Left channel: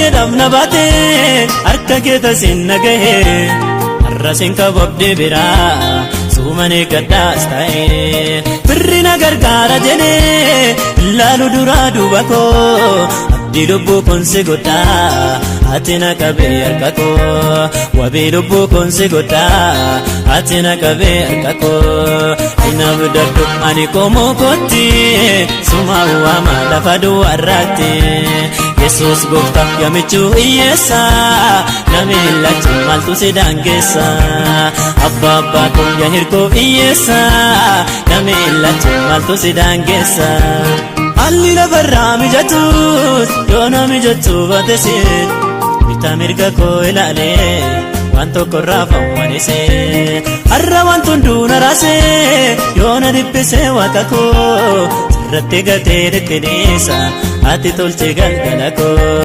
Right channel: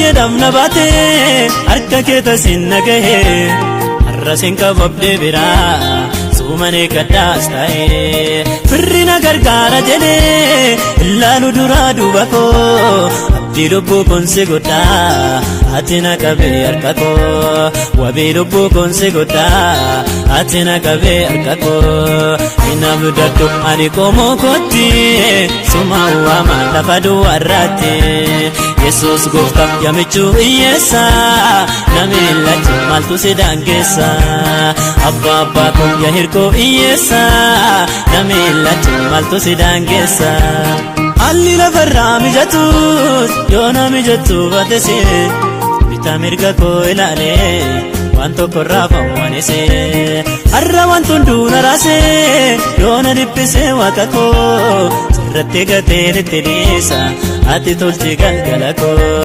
jedham na baate akka keeta sinnagahe arrasin qababde bira sumane gaddaas ta'e birri na gargaara jedhe laalu dura duuba koo abdii lubbuu konse godha ati na qabee harka koo wabii lubbuu konse godha ati na qabee harka koo inaanu dakko ani komoo kotti suma uwama lafa duwwarraate Yesus gooftaaf namichuu hiyyeessa namiillachi maaltu si daangeessa abbaa abbaa konya hirkoo hiyyeessa namiillachi maaltu si daangeessa Akki lafarraa mijatus yoona mijachuu baatese bita mirga koo ilaale waan tokkorraa fammalise har'a waan tunduu raase yoona dhiphise waaqa koo sirratti gatee dhiphinisa ati tolchi galgala koo